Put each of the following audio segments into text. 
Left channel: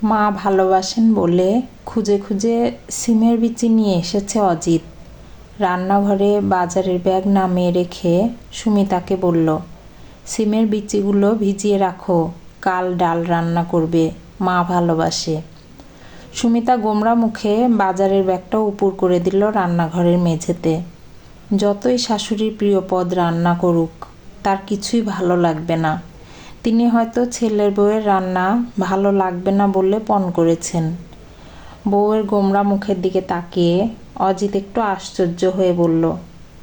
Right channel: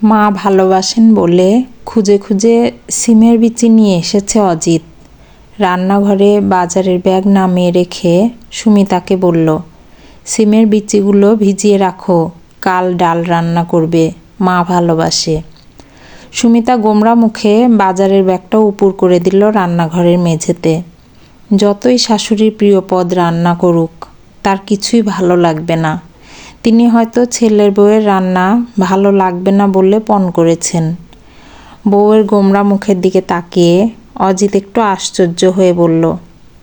মা ভালোবাসেন বলে খুঁজে খুঁজে সিমের বিচি নিয়ে এসেছে অজিত। রান্নাঘরে বাজারের ব্যাগ নামিয়ে রেখে সুমিতাকে বলল, সিমের বিচিগুলো ভিজিয়ে রাখো, কাল ডাল রান্না করবে, মা ভালোবাসে। সুমিতা গোমরা মুখে বাজারের ব্যাগটা উপুড় করে দিল রান্নাঘরের মেঝেতে। যতই শাশুড়ির প্রিয় পদ রান্না করুক, তার কিছুই ভালো লাগবে না। তিনি হয়তো ছেলের বউয়ের রান্না ভালো লাগবে না বলে পণ করেছেন। বউয়ের গোমরা মুখের দিকে তাকিয়ে অজিত একটু আশ্চর্য হয়ে বলল,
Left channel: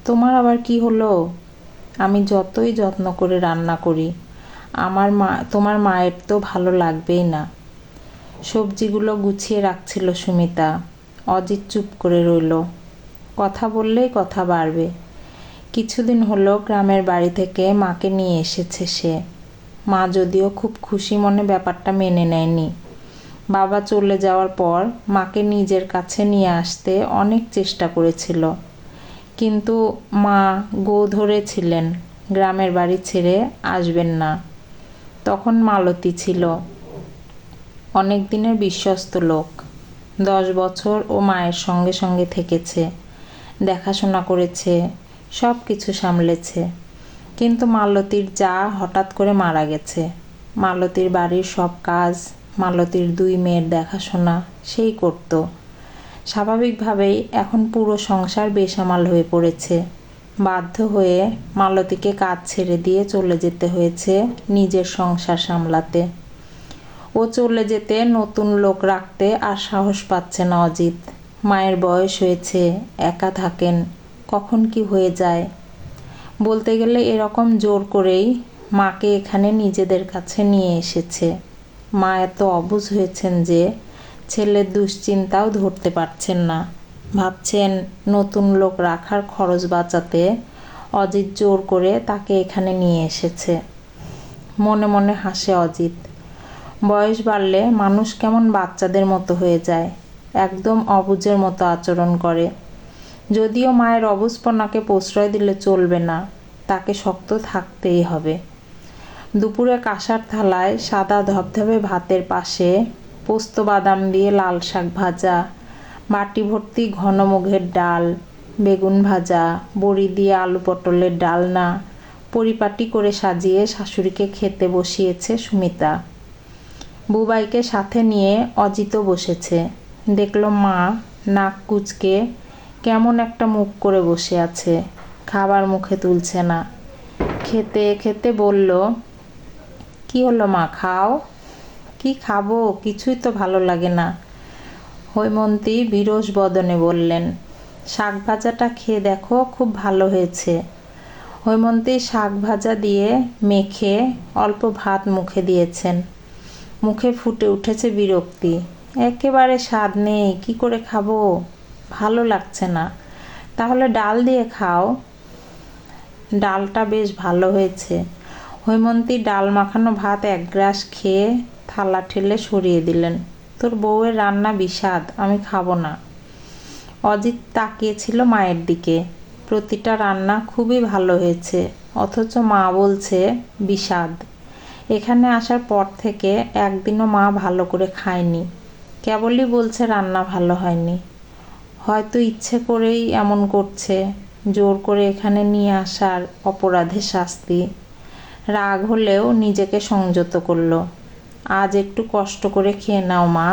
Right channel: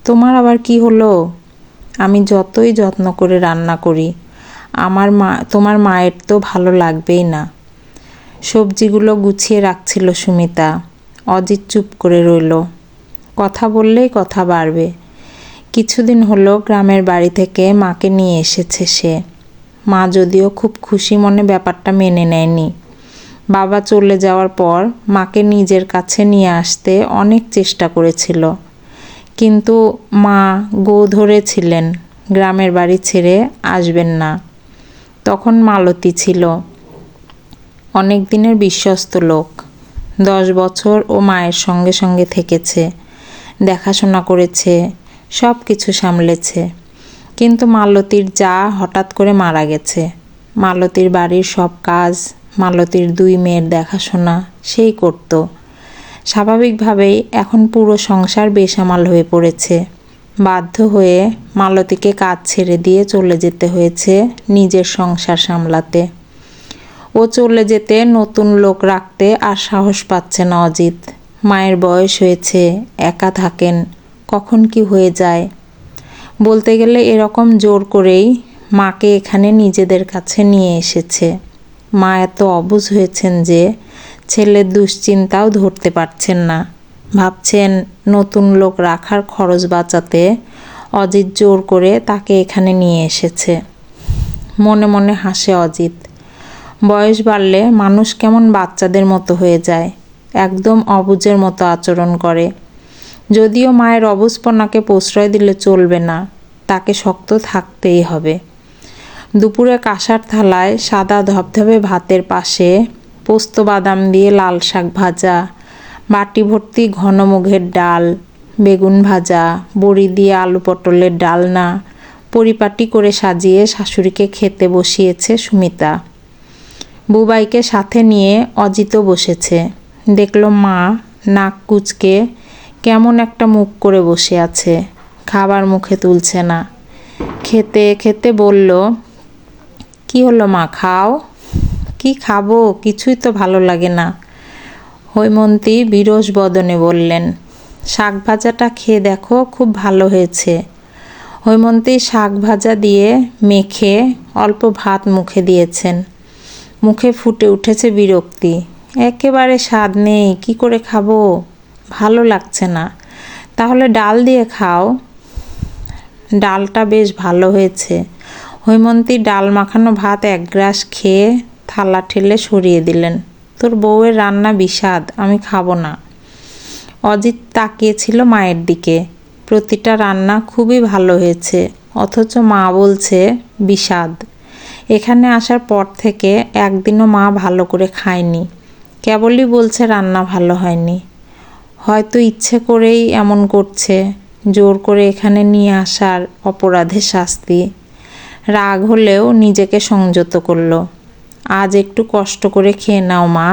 তোমার আবার কি হলো? আমি যতই যত্ন করে রান্না করি, তোমার মায়ের তো ভালো লাগবেই না। সবজিগুলো গুছিয়ে রাখছিল সুমিতা। অজিত চুপ করে রইল। কথা বললেই কথা বাড়বে। কিছুদিন হলো গ্রামের বাড়ি থেকে মাকে নিয়ে এসেছে সে। মা যদিও খুব খুশি মনে ব্যাপারটা মেনে নেয়নি। বাবা চলে যাওয়ার পর মাকে নিজের কাছে নিয়ে আসতে অনেক চেষ্টা করেছিল, কিন্তু মা গো ধরেছিলেন গ্রামের বাড়ি ছেড়ে আসবেন না। তখন মালতী ছিল অনেক দিনের বিশ্বস্ত লোক। 10 বছর ও মায়ের সঙ্গে সঙ্গে থেকেছে, দেখাশোনা করেছে, সব কিছু সামলেছে। কিন্তু মালতীর যা হঠাৎ করে মারা গেছে। মালতীর বাড়ির সব কাজ, মালতীর 2 মেয়ের দেখাশোনা সেই করত। স্বাভাবিকভাবেই এখন পুরো সংসার বেসামাল হয়ে পড়েছে। বাধ্য হয়ে মালতীকে কাজ ছেড়ে দিয়ে চলে যেতে হয়েছে নিজের সংসার সামলাতে। ও চলে যেতে নতুন লোক রাখতে আর সাহস পাচ্ছে না অজিত। মায়ের বয়স হয়েছে, একা থাকেন, কখন কি হয়ে যায়। বলতে গেলে এরকম জোর করেই মাকে এখানে নিজেদের কাছে নিয়ে এসেছে। মা এত অবুঝ হয়েছেন যে ছেলের দুশ্চিন্তাও ধরতে পারছেন না। ভাবছেন নতুন লোক রাখার খরচ বাঁচাতে অজিত জোর করে তাকে এখানে নিয়ে এসেছে। মনে মনে হাসে অজিত। বয়স বাড়লে মানুষ কেমন বাচ্চাদের মতো হয়ে যায়, একদম অবুঝের মতো আচরণ করে। যদিও মায়ের অবুঝপনাকে প্রশ্রয় দিলে চলবে না, তাকে শক্ত থাকতেই হবে। দুপুরে কাঁসার থালায় সাদা ধবধবে ভাতের পাশে পোস্ত বাদাম দিয়ে লাল শাক ভাজা, বাটি ভর্তি ঘন মুগের ডাল, বেগুন ভাজা, বড়ি দিয়ে আলু পটলের ডালনা পরিপাটি করে সাজিয়ে শাশুড়িকে খেতে বসিয়েছে সুমিতা। বুবাইকে সাথে নিয়ে অজিতও বসেছে। দেখল মা নাক কুঁচকে কেমন একটা মুখ করে বসে আছে, খাবার মুখে তুলছে না। খেতে খেতে বলল, কি হলো মা, খাও। কি খাবো, কিছুই তো ভালো লাগে না। হৈমন্তী বিরস বদনে বললেন, শাক ভাজাটা খেয়ে দেখো, খুব ভালো হয়েছে। হৈমন্তী শাক ভাজা দিয়ে মেখে অল্প ভাত মুখে দিয়েছেন। মুখে ফুটে উঠেছে বিরক্তি। একেবারে স্বাদ নেই, কি করে খাবো, ভালো লাগছে না। তাহলে ডাল দিয়ে খাও। ডালটা বেশ ভালো হয়েছে। হৈমন্তী ডাল মাখানো ভাত 1 গ্রাস খেয়ে থালা ঠেলে সরিয়ে দিলেন। তোর বউয়ের রান্না বিস্বাদ, আমি খাবো না। অজিত তাকিয়েছিল মায়ের দিকে। প্রতিটা রান্না খুবই ভালো হয়েছে, অথচ মা বলছে বিস্বাদ। এখানে আসার পর থেকে একদিনও মা ভালো করে খায়নি, কেবলই বলছে রান্না ভালো হয়নি। হয়তো ইচ্ছে করেই এমন করছে, জোর করে এখানে নিয়ে আসার অপরাধের শাস্তি। রাগ হলেও নিজেকে সংযত করল। আজ একটু কষ্ট করে খেয়ে নাও মা,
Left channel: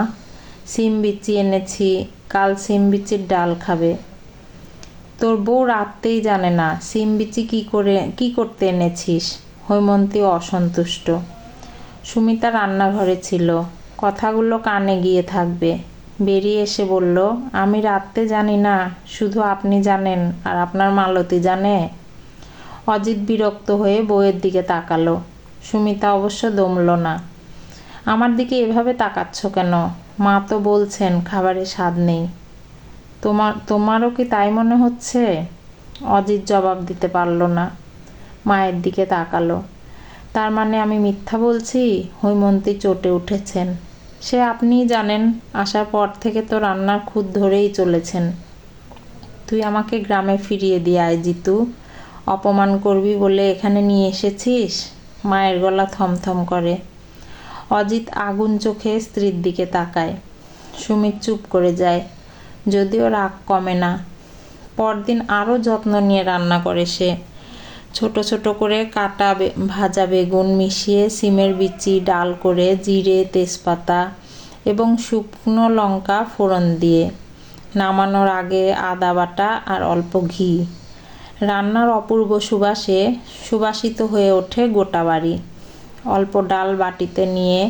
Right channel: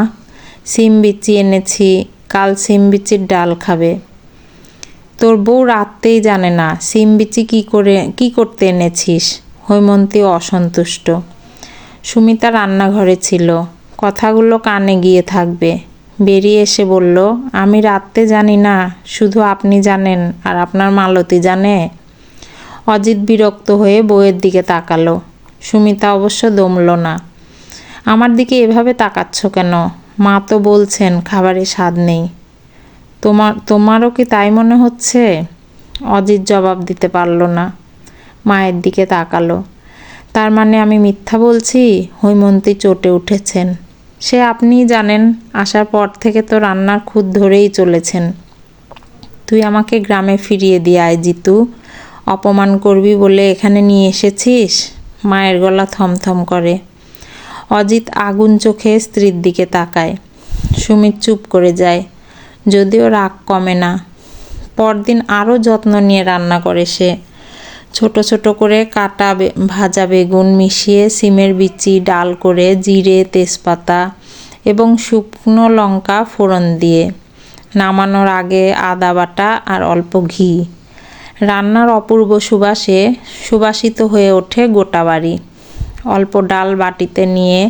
সিম বিচি এনেছি, কাল সিম বিচির ডাল খাবে। তোর বউ রাততেই জানে না সিম বিচি কি করতে এনেছিস। হৈমন্তী অসন্তুষ্ট। সুমিতা রান্নাঘরে ছিল, কথাগুলো কানে গিয়ে থাকবে। বেরিয়ে এসে বলল, আমি রাততে জানি না, শুধু আপনি জানেন আর আপনার মালতী জানে। অজিত বিরক্ত হয়ে বউয়ের দিকে তাকালো। সুমিতা অবশ্য দমল না। আমার দিকে এভাবে তাকাচ্ছ কেন? মা তো বলছেন খাবারে স্বাদ নেই। তোমারও কি তাই মনে হচ্ছে? অজিত জবাব দিতে পারল না। মায়ের দিকে তাকালো। তার মানে আমি মিথ্যা বলছি? হৈমন্তী চটে উঠেছেন। সে আপনিই জানেন, আসার পর থেকে তো রান্নার খুঁত ধরেই চলেছেন। তুই আমাকে গ্রামে ফিরিয়ে দিয়ে আয় জিতু, অপমান করবি বলে এখানে নিয়ে এসেছিস। মায়ের গলা থমথম করে। অজিত আগুন চোখে স্ত্রীর দিকে তাকায়। সুমিত চুপ করে যায়, যদিও রাগ কমে না। পরদিন আরও যত্ন নিয়ে রান্না করে সে। ছোট ছোট করে কাটা ভাজা বেগুন মিশিয়ে সিমের বিচি ডাল করে জিরে, তেজপাতা এবং শুকনো লঙ্কা ফোড়ন দিয়ে, নামানোর আগে আদা বাটা আর অল্প ঘি। রান্নার অপূর্ব সুবাসে সুবাসিত হয়ে ওঠে গোটা বাড়ি। অল্প ডাল বাটিতে নিয়ে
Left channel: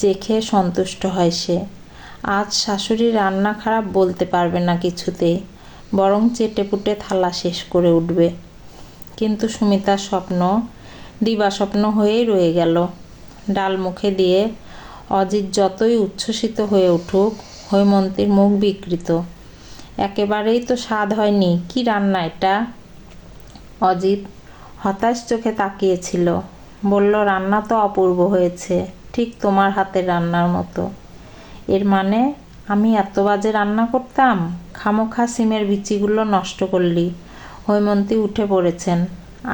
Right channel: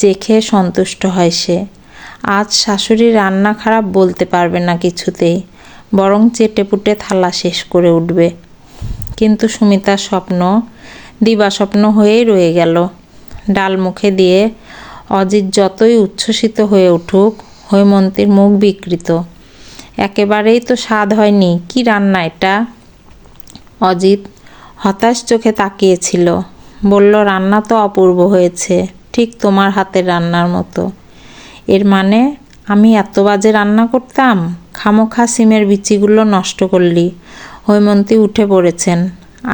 চেখে সন্তুষ্ট হয় সে। আজ শাশুড়ি রান্না খারাপ বলতে পারবে না কিছুতেই, বরং চেটেপুটে থালা শেষ করে উঠবে। কিন্তু সুমিতার স্বপ্ন দিবাস্বপ্ন হয়েই রয়ে গেল। ডাল মুখে দিয়ে অজিত যতই উচ্ছ্বসিত হয়ে উঠুক, হৈমন্তীর মুখ বিকৃত। একেবারেই তো স্বাদ হয়নি, কি রান্না এটা? অজিত হতাশ চোখে তাকিয়েছিল। বলল, রান্না তো অপূর্ব হয়েছে, ঠিক তোমার হাতের রান্নার মতো। এর মানে আমি এত বাজে রান্না করতাম? খামোখা সিমের বিচিগুলো নষ্ট করলি। হৈমন্তী উঠে পড়েছেন,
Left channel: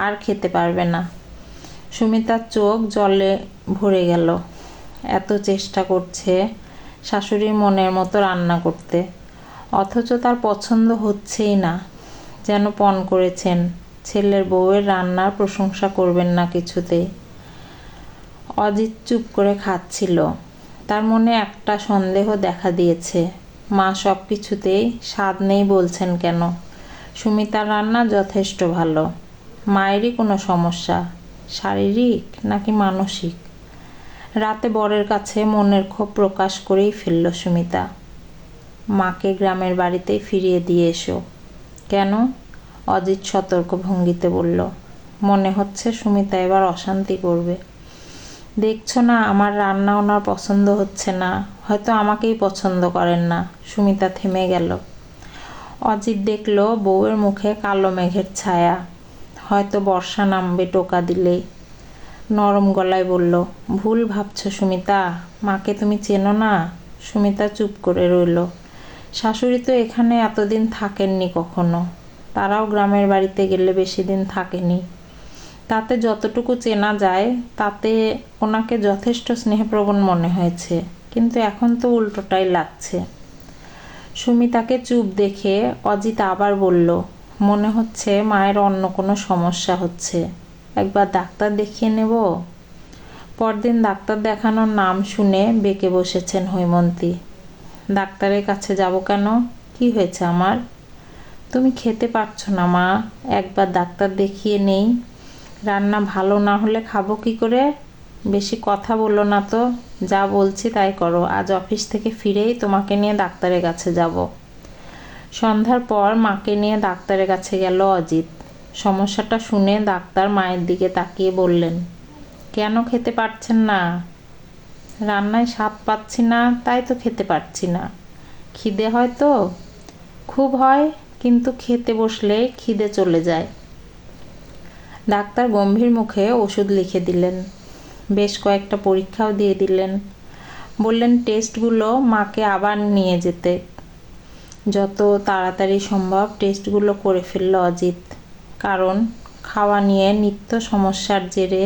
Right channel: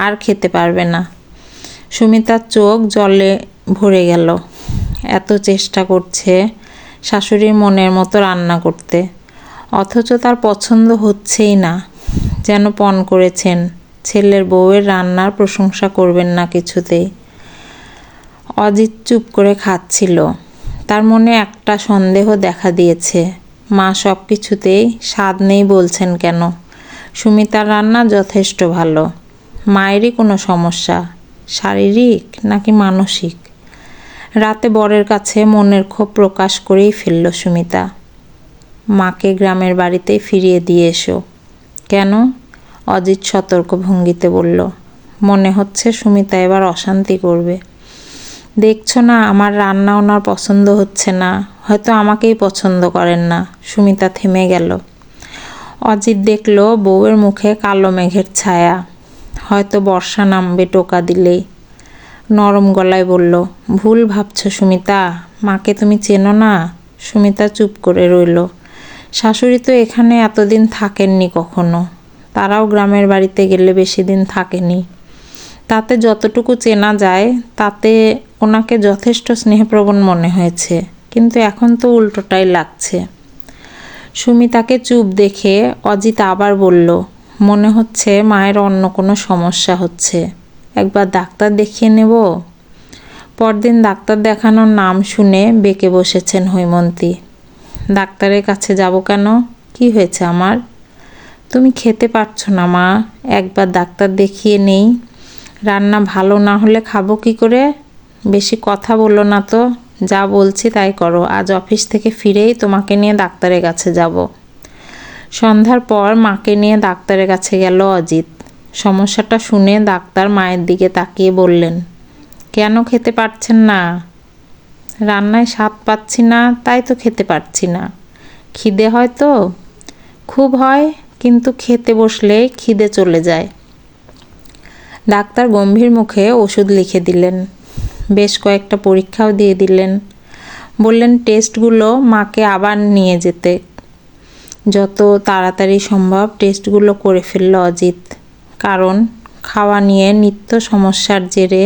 আর খেতে পারবে না। সুমিতার চোখ জলে ভরে গেল। এত চেষ্টা করছে শাশুড়ির মনের মতো রান্না করতে, অথচ তার পছন্দ হচ্ছেই না। যেন পণ করেছেন ছেলের বউয়ের রান্নার প্রশংসা করবেন না কিছুতেই। অজিত চুপ করে খাচ্ছিল। তার মনে একটা সন্দেহ দেখা দিয়েছে, মা সব কিছুতেই স্বাদ নেই বলছেন কেন? সুমিতার রান্না যথেষ্ট ভালো। মায়েরই কোনো সমস্যা, শারীরিক নাকি মানসিক? রাতে বরের কাছে মনের ক্ষোভ প্রকাশ করেই ফেলল সুমিতা। মাকে গ্রামের বাড়িতেই ফিরিয়ে দিয়ে এসো। কেন? অজিত সতর্ক ভঙ্গিতে বলল। মনে হচ্ছে সুমিতা এবার অশান্তি করবে। দেখছো না আমার রান্না ওনার পছন্দ হচ্ছে না, হয়তো আমাকেই পছন্দ করেন না। সুমিতা থেমে গেল। অজিত দেখল বউয়ের মুখে কালো মেঘের ছায়া, হয়তো বর্ষা নামবে টোকা দিলেই। নরম গলায় বলল, ভুল ভাবছো সুমিতা, মাকে তুমি চেনো না। সুমিতা চুপ করে রইল। শাশুড়ি তো এখানে এতদিন থাকেননি কখনো, তারাও গ্রামের বাড়িতে গেলে বেশি দিন থাকেনি। তাতে যতটুকু চেনা যায় তাতে ওনাকে যথেষ্ট স্নেহপ্রবণ মনে হয়েছে, কিন্তু এখন তো উল্টোটাই লাগছে। সুমিতাকে চুপ দেখে অজিত আবার বলল, মনে হচ্ছে মায়ের অন্য কোনো সমস্যা হচ্ছে, একবার ডাক্তার দেখিয়ে নেব। পরদিন ডাক্তার দেখানোর নাম শুনে বেঁকে বসেছেন হৈমন্তী। ডাক্তারের কাছে যাব কেন? কি হয়েছে আমার? তুমি খেতে পারছো না মা, একবার ডাক্তার দেখিয়ে নেই। রান্না ভালো না হলে খাবো কি করে? বেশি কথা বলো না তো, যা বলছি তাই করো। আজ অফিস থেকে ফিরেই তোমাকে নিয়ে ডাক্তারের কাছে যাব। সন্ধ্যার পর মাকে নিয়ে ডাক্তারের কাছে গেল অজিত। সমস্যাটা শুনে ডাক্তার মায়ের দিকে তাকিয়ে বললেন, কেন খেতে পারছেন না? রান্নায় স্বাদ পাচ্ছি না, তাই তো খেতে পারছি না। খিদে হয় তো? খুব হয়, কিন্তু খেতে বসলে খিদে চলে যায়। ডাক্তার গম্ভীর মুখে ওষুধ লিখে দিলেন, বেশ কয়েকটা পরীক্ষাও দিয়ে দিলেন। বললেন টেস্টগুলো মাকে আবার নিয়ে যেতে। যত তাড়াতাড়ি সম্ভব টেস্টগুলো করে ফেলল অজিত, কারণ খাওয়া নিয়ে নিত্য সমস্যার জেরে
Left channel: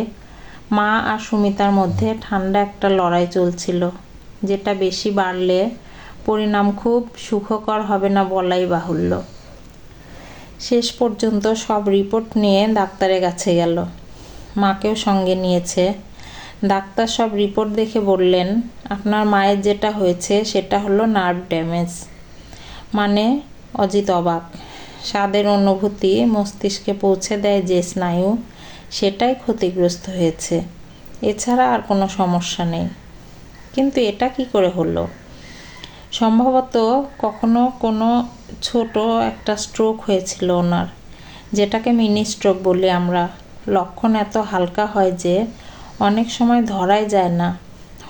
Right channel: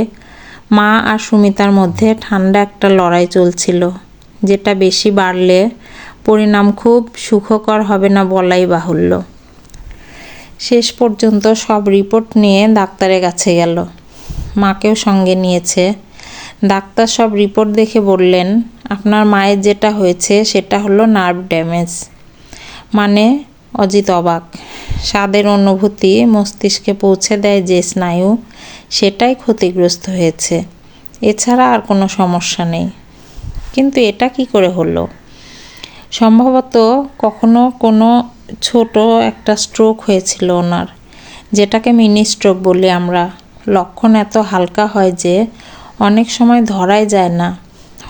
মা আর সুমিতার মধ্যে ঠান্ডা একটা লড়াই চলছিল, যেটা বেশি বাড়লে পরিণাম খুব সুখকর হবে না বলাই বাহুল্য। শেষ পর্যন্ত সব রিপোর্ট নিয়ে ডাক্তারের কাছে গেল, মাকেও সঙ্গে নিয়েছে। ডাক্তার সব রিপোর্ট দেখে বললেন, আপনার মায়ের যেটা হয়েছে সেটা হলো নার্ভ ড্যামেজ। মানে? অজিত অবাক। স্বাদের অনুভূতি মস্তিষ্কে পৌঁছে দেয় যে স্নায়ু, সেটাই ক্ষতিগ্রস্ত হয়েছে, এছাড়া আর কোনো সমস্যা নেই। কিন্তু এটা কি করে হলো? সম্ভবত কখনো কোনো ছোট একটা স্ট্রোক হয়েছিল ওনার, যেটাকে মিনি স্ট্রোক বলি আমরা। লক্ষণ এত হালকা হয় যে অনেক সময় ধরাই যায় না।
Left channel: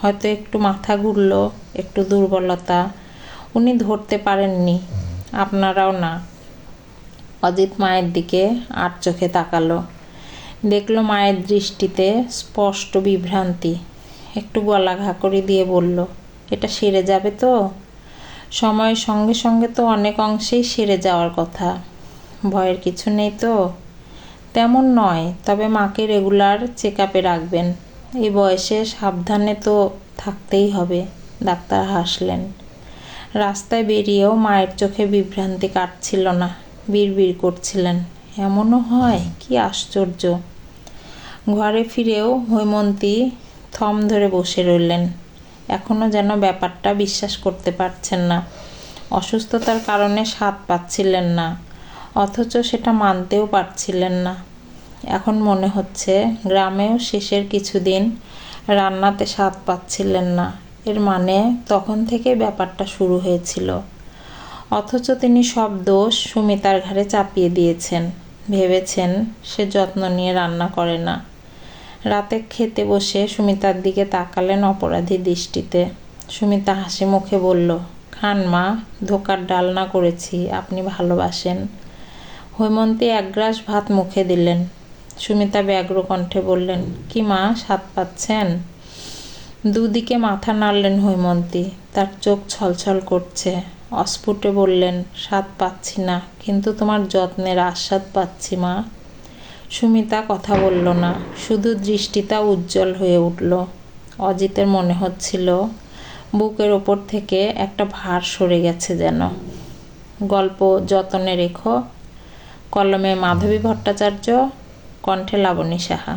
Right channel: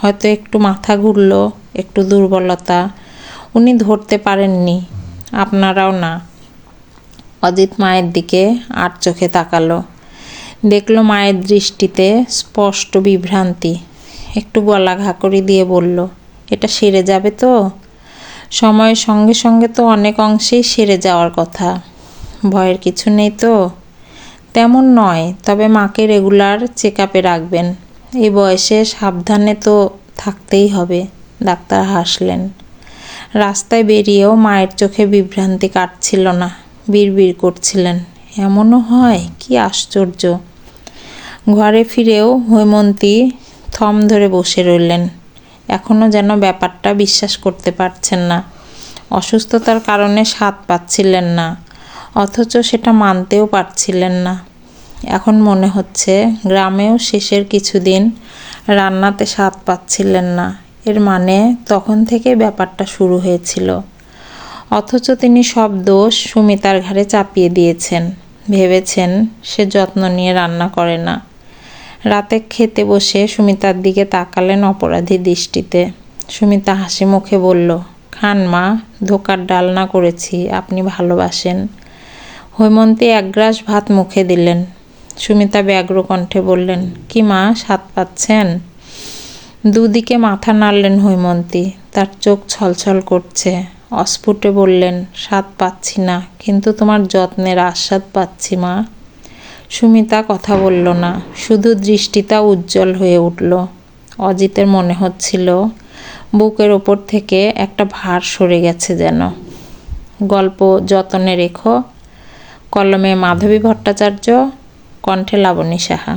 হয়তো একটু মাথা ঘুরলো, একটু দুর্বলতা, উনি ধরতে পারেননি, আপনারাও না। অজিত মায়ের দিকে আর চোখে তাকালো, দেখলো মায়ের দৃষ্টিতে স্পষ্ট বিভ্রান্তি। একটু গলা ঘাকরি দিয়ে বলল, এটা সেরে যাবে তো? সময়ের সঙ্গে সঙ্গে তো অনেক অংশেই সেরে যাওয়ার কথা, ভয়ের কিছু নেই তো? তেমন নয়, তবে মাকে রেগুলার চেক আপে রাখবেন। এই বয়সে সাবধানে তো থাকতেই হবে। ডাক্তার হাসলেন। রাস্তায় বেরিয়েও মায়ের চোখে বিভ্রান্তি কাটছিল না। বিড়বিড় করছিলেন, এমনও হয়, কি আশ্চর্য। ঘরে ফিরেও হৈমন্তী থম ধরে বসে রইলেন। এখনও যেন ব্যাপারটা বিশ্বাস করতে পারছেন না। অসুস্থতার কারণে স্বাদ পাচ্ছিলেন না, অথচ সেটা মানতেও পারছিলেন না। এখন মনে হচ্ছে গ্রামেও শেষের কিছুদিন রান্নাতে স্বাদ পাচ্ছিলেন না, এর মানে তখন থেকে ব্যাপারটা শুরু হয়েছিল। অথচ তিনি সব দোষ সুমিতার ঘাড়ে চাপিয়ে দিয়েছেন। ভেবেছেন সে যত্ন নিয়ে রান্না করে না। রাতে খেতে বসে সুমিতার দিকে তাকালেন অপরাধী দৃষ্টিতে। সুমিতা হাসি মুখে বলল, খান মা, ধোকার ডালনা করেছি, আপনি ভালোবাসেন। হৈমন্তী এক গ্রাস ভাত মুখে দিলেন। সুমিতা ব্যগ্র কণ্ঠে বললেন, কি মা, স্বাদ পাচ্ছেন? দুদিকে মাথা নাড়লেন হৈমন্তী। তার চোখ ছলছল করছে। অস্ফুটে বললেন, স্বাদ পাচ্ছি না, কিন্তু তোমার যত্নের আস্বাদ পাচ্ছি মা। সুমিতা কথা বলল না, শুধু দৃষ্টিটা উজ্জ্বল হয়ে উঠল। অজিতের মনে হচ্ছিল বুকের ওপর থেকে একটা ভার সরে গেছে যেন। গল্প যতনে রেখো। কলমে মাধবী ভট্টাচার্য, কণ্ঠে লাবণী সাহা।